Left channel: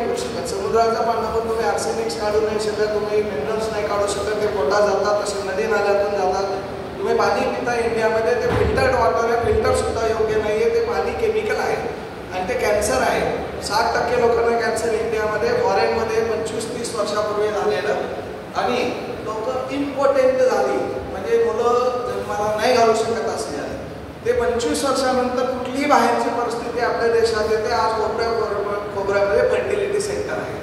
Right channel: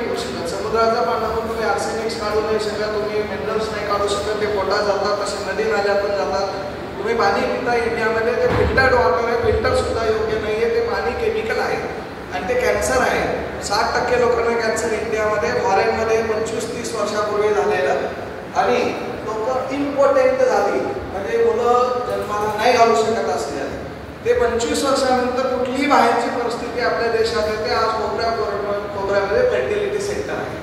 समुद्राचा पाण्यातून तुम्ही आर्सेनिक्स काढू नाही शकत, तुम्ही मिनरल्स नाही काढू शकत, ते पोटात जातात, तसे नदी नाल्यातून जातात. तुम्ही पाणी पिता इंडियामध्ये ते फिल्टर्ड वॉटर आहे, फिल्टर सुद्धा योग्य नाही आहे, ते पाणी केमिकल आहे आणि ते कॅन्सर आहे. 60% लोकांना कॅन्सर इंडियामध्ये, फॉरेनमध्ये 25-30 वर्षापूर्वी झालेलं. आणि लोक इम्पॉर्टंट झाली म्हणजे मुलं जन्माला नाही घालू शकत असले ते 25 वर्षानंतर कुठलीही बाहेरची परिस्थिती आपल्या देशात येते. आज कोपऱ्यामध्ये फर्टिलिटी सेंटर आहे.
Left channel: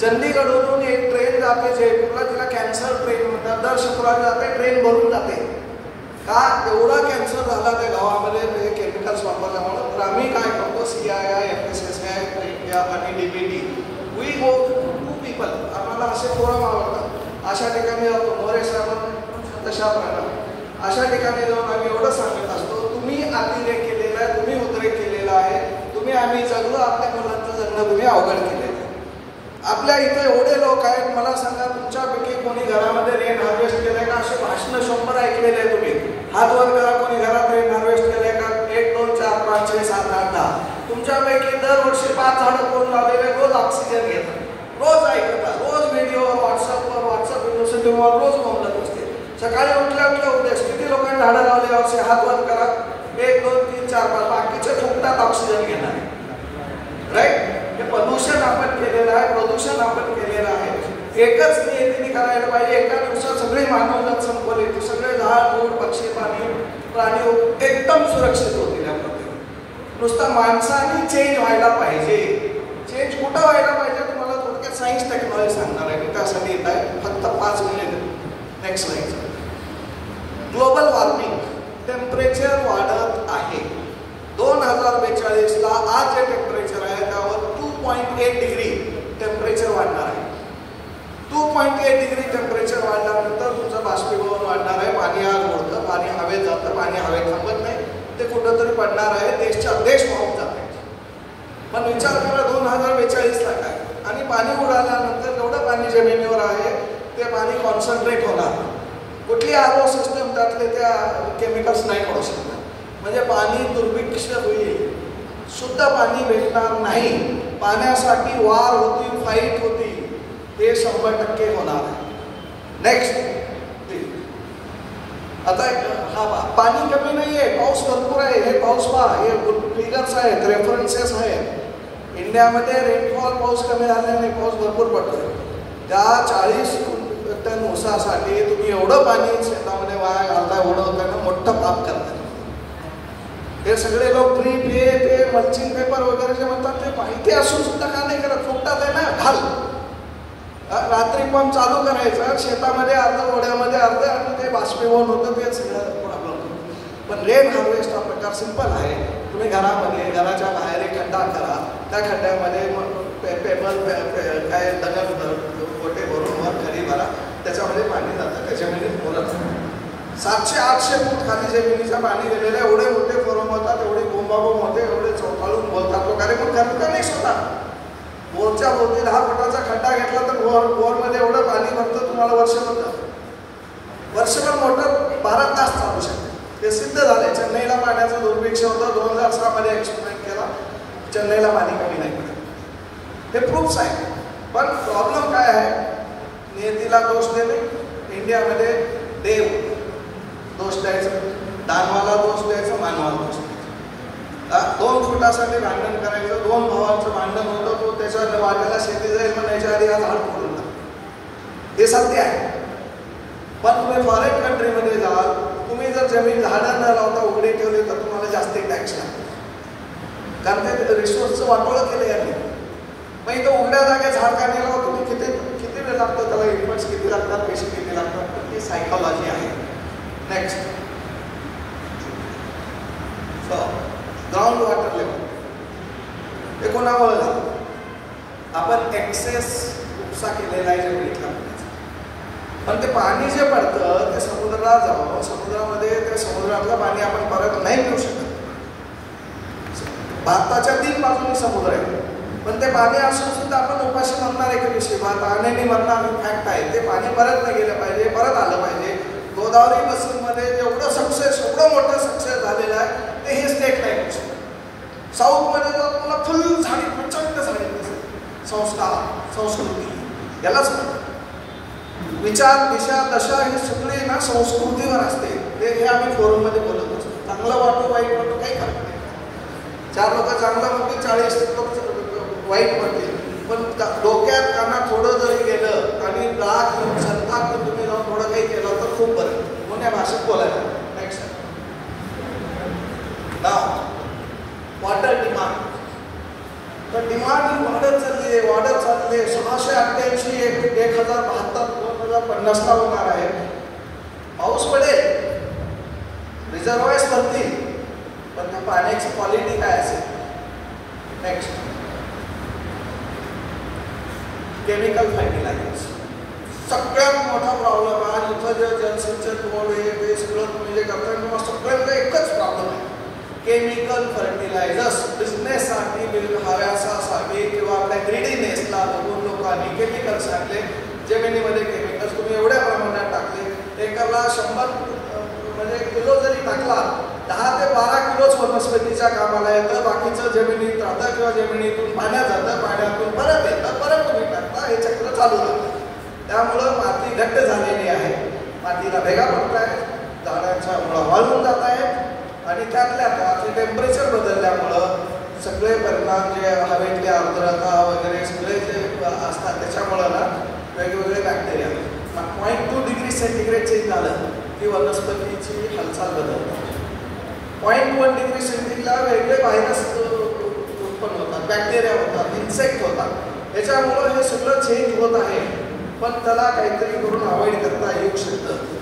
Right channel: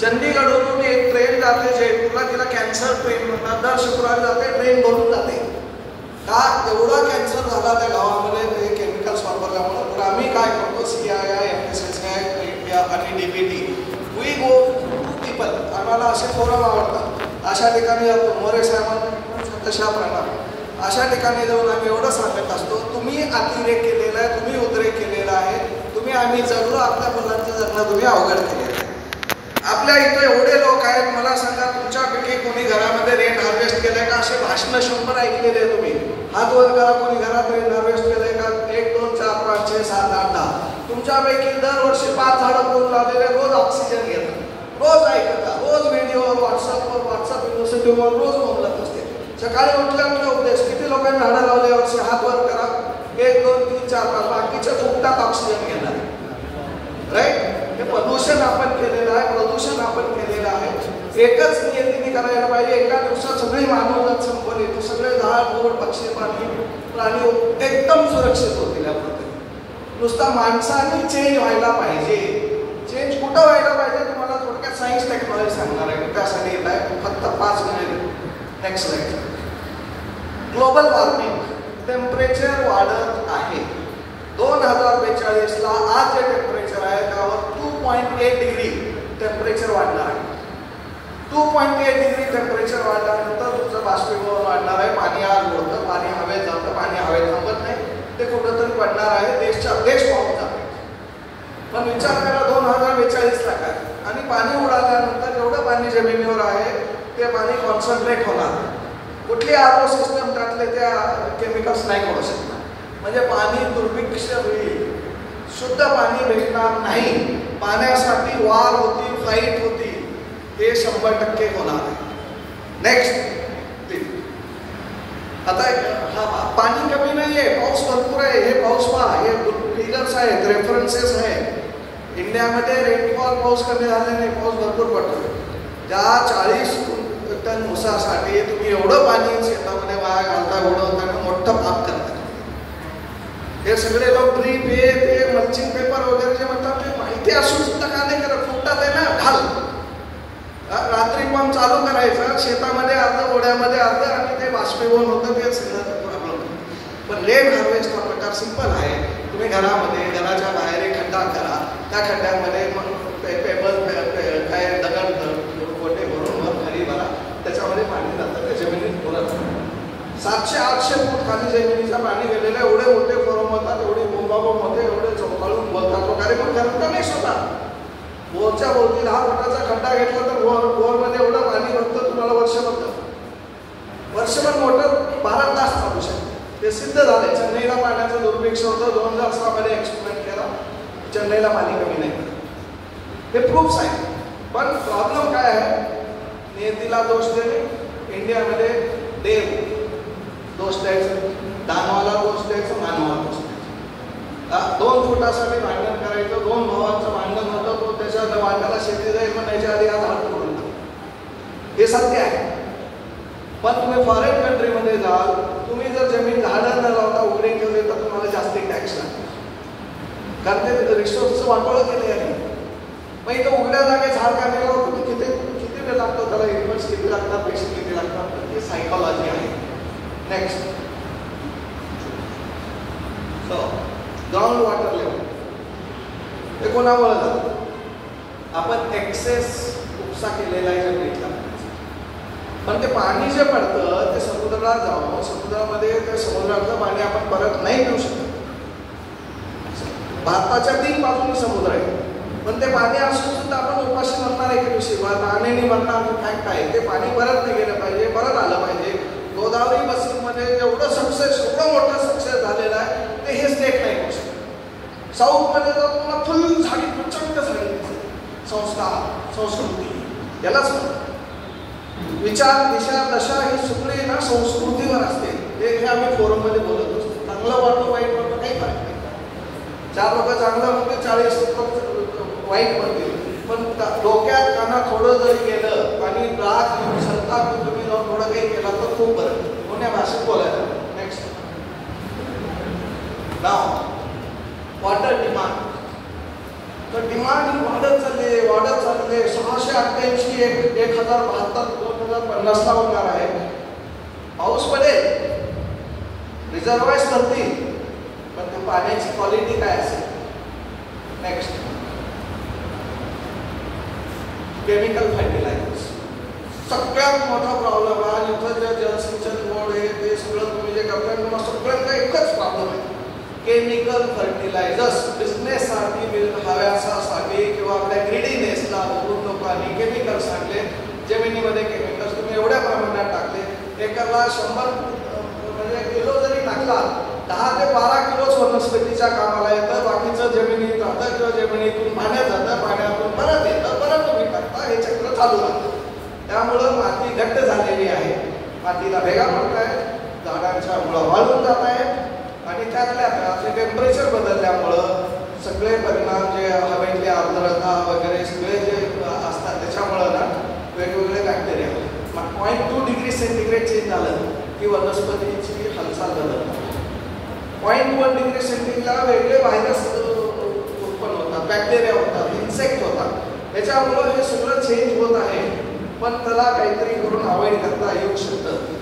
चंदीगडवरून एक ट्रेन जाते जयपूरला, तिला कॅन्सर ट्रेन म्हणतात. दर शुक्रवार जाते, ट्रेन भरून जाते. का एवढा कॅन्सर झाला त्या गावामध्ये ते केमिकल्स वापरल्यामुळं. तर आम्ही काय करतो, CII, FSSAI, इंडिया आणि DBT, we go to people. आम्हाला असे फोरम आवडतात. अशा ठिकाणी जातो, मोरे साहेबांना तशा प्रकारे अशा ठिकाणी जाऊन आम्ही एवढं सांगत असतो, तुम्ही अतिरेक केलेला आहे, तुम्ही उद्रेक केलेला आहे, तुम्ही आम्ही जगलो, आपल्या मुलांचं जगणं तुम्ही अवघड केलेलं आहे. आपल्या इथे एवढे लोक आहेत, मला सांगा तुमच्यापैकी कोणी घरामध्ये रेन हार्वेस्ट केलंय का? असे भाषणं 100 ऐकलेले आहे तुम्ही. हात वर करा, कोणी घरात रेन हार्वेस्ट केलंय का? 1, 2, 4, 5, 6, 7, 8, 10. तुमच्यापैकी दरवर्षी 5 झाडं करून लावलेले, रोज ऑक्सिजन घेतात, रोज ऐकतात, रोज व्हिडिओवर, व्हॉट्सअप युनिव्हर्सिटीवर रोज मोबाईल असते. सकाळी उठल्या उद्देश किती लोकांनी झाडं लावले वर्षी? हात वर करा. 1, 2, 3, 4, 5. बाकीचे फुकटात ऑक्सिजन घेणार, राईट? हे प्रदूषण आपण केलेलं आहे, प्रदूषण आपण केलेलं आहे. एकच नियतीने करायला पाहिजे. एका दिवसात सगळे मानवजात संपवले तर सगळे झाड, फूल, पक्षी, प्राणी एकदम सुरक्षित होतील. या पद्धतीने नुसता माणसाने चेंज व्हायला पाहिजे. चेंज कुठं व्हायला पाहिजे? तुम्हाला थोडक्यात सायन्स टेक्नॉलॉजी सांगणार आहे. त्यासाठी येत आहे फक्त 5 minute. Next slide. Global warming, temperature वाढत आहे. 2042ला आज जे टेम्परेचर आहे त्यावर 2.8 डिग्री टेम्परेचर वाढणार आहे. 2.8 डिग्री टेम्परेचर वाढल्यानंतर तुमचं बाष्पीभवन वाढणार आहे. पाणी आज होतं, पाणी हवेत जातं, पाणी हवेत थांबत नाही, ते कुठंतरी पडणार आहे. देश पाहून जात आहे. पण विचार करा 2042ला काय, आणि पाणी उडाल्यानंतर जेवढं पाणी जमिनीवर आहे ते पाणी कॉन्सन्ट्रेट होणार. कुठली RO सिस्टम टाकले त्या केमिकल्स नाही करू शकणार. म्हणजे पाणी दुर्भिक्ष होईल, शुद्ध पाणी भेटणार नाही. पाण्यासाठी वार होती, फाईट होती, हे 100% होणार आहे. नेक्स्ट. आता पाणी कमी नाही आहे, पाऊस भरपूर आहे. हे पाऊस पहा, हे फिगर्स आहेत, रेफरन्सेस आहेत. इंडियामध्ये रेनफॉल पाऊस कमी झाल्याने पाऊस भरपूर पडतो. त्या 40 टन ऊसासाठी तुम्ही एवढं पाणी शेतामध्ये वाया घालता, एवढं होतं, मोठं पाप करतात. हे सगळे लोक ड्रीप, हे ते मल्चिंग पेपर वगैरे जे म्हणतात ते माहिती असून सुद्धा का नाही करत? फुटतात आहे ना, घाल. रात्री पंप चालू करायचं, शेतामध्ये अर्ध, ओढ्यामध्ये अर्ध, आणि ते बाष्पीभवन होतं, ते सगळं प्रॉब्लेम. पण रेन हार्वेस्ट हा प्रकार सिंपल आहे. तुम्ही घरामध्ये, घराच्या बाहेर एक खड्डा करा, त्या खड्ड्यामध्ये पेपर काय दगड गोटे भरून खाली भरा, त्याच्यामध्ये पाणी जातं, त्या जमिनीत बोलत नाही. 700-800 फूट खाली जमिनीचं पाणी गेलेलं, एवढे मोठे फोरम होतात, एवढे बोंबाबोंब होते, एवढे चौकाळून बोलतात वगैरे, पण करत नाही स्वतः. बोरच्या भोवती 10 फुटाचा खड्डा घेतला तर बोरमध्ये एवढं पाणी भरतं तुम्हाला वर्षभर मोटर 12 तास चालू शकते. ते सिद्ध झालंय. चेन्नईला पाण्याचं दुर्भिक्ष होतं, 2006 मध्ये एक्सपेरिमेंट केला, चेन्नईला पाणी कमी नाही. हे प्रूफ्स आहे. पण प्रॉब्लेम काय आहे? नियतीला दोष देणे. इंडियामध्ये देव दोष द्यायचं, दानवाला दोष द्यायचं, मानवाला दोष द्यायचं. 2 फुटासाठी भांडण करायचं. 2 भावांचं भांडण होतं, तो त्याच्या वाट्याला शेती जाईल, पण याच्या आधी आज हात पडून हे सत्य आहे. पण तुम्ही फॉरेन कंट्रीमध्ये जाल, तुम्ही जर जमीन झाडं न लावता उघडे ठेवले तर तुम्हाला जास्त टॅक्स लागतो. कारण ते रिसोर्सचं वाटोळं केलं आहे. मग इथं उघड्या जागे झाड काढायला तुम्ही किती वेळ लागतो, त्याला इन्व्हेस्ट किती लागतात, पैसे किती लागतात, तर ती सायकॉलॉजी आहे. नेक्स्ट. ग्राउंड वॉटर लेवल हे कोणामुळे झालं? आपण एक्सेस उपसा केलेला आहे जमिनीतला. पण ते पाणी जे पडतं ते समुद्राला जाऊन समुद्रामध्ये ते समुद्रातलं पाणी आपण परत नाही पिऊ शकत. भारताच्या 3 बाजूनी समुद्र आहे, पण ते पाणी असून सुद्धा आपण उपाशी मरणार आहे की विषय पाण्याने मरणार फॅक्ट आहे. ते पाणी परत नाही गेलं पाहिजे, परत आलं पाहिजे. गोदावरी बसिंगमध्ये एवढं सक्सेस, एवढं मोठं सक्सेस झालेलं आहे, ते हे स्टेट नाही करू शकत. साऊथमध्ये जर तुम्हाला फुल झाडी प्रचंड झाडी दिसेल, संस्कार, संस्कृती यालाच म्हणतात. विचार, दिशा, दशा ही सगळी ना संस्कृतीवर असते. हे आम्ही फोरममध्ये बोलत असतो. चांगलं वाटतं वाईट वाटतं काही करत नाही. 4 लोक चांगलं म्हणते, 40-70 वाईट म्हणते. पण डोक्यात त्यांना थोडं जरी गेलं आणि राग संताप तुम्ही जाऊन थोडं काही केलं तर खूप बरं. म्हणून या भाषेत बोलायचं. नेक्स्ट नाव वॉटर डिमांड. तर डिमांड ही वाढत चालली. 688 1072 2050 होणार आहे. पाऊस पडेल, रिझर्वायर्स भरतील, पण त्या पाण्याची क्वालिटी काय असेल. Next chemical fertilisers. सगळ्यात मोठा प्रॉब्लेम आहे. आज इथं जे जलसिंचन बोर्ड हे सगळं तुम्ही जे करताय मला सगळ्यांचा एकच प्रॉब्लेम आहे. केमिकल फर्टिलायझर्स बिझनेससाठी हव्यासासाठी किंवा आपल्या ग्रीडीनेसला बघून लोकांनी केमिकल्स टाकले. जमिनीमध्ये केमिकल्स तुम्ही एवढ्या प्रमाणात टाकले. एकाला 100 म्हणजे किलो जरी टाकला 10 ते 12 किलोच वनस्पतीच्या कामाला येतं. बाकीचं जमिनीत राहतं किंवा जमिनीतून पाण्यात जातं, पाण्यातून परत येतं, परत तुम्ही टाकता. हे चक्र चालू राहतं. त्यामुळं माती घट्ट झालेली आहे. मातीला भेगा पडत आहेत, झाडांच्या मुळा वाळून जात आहेत आणि त्यातल्या त्यात टेम्परेचर बदलल्यामुळं सगळे परिणाम जे हवेतली आर्द्रता वगैरे सगळे जे असतात त्याच्यामुळं ना वेगवेगळे बॅक्टेरिया 0.2 डिग्री सेंटीग्रेड चेंज झालं की वनस्पतीची हालचाल बदलते. 0.1 डिग्री सेंटीग्रेडला वेगळे व्हायरस उत्पन्न होतात, बॅक्टेरिया होतात, इन्सेक्ट होतात. त्याच्यामुळं हे सगळं चेंज होत आहे. पण त्याला काहीतरी करून अवॉइड करता येऊ शकतं.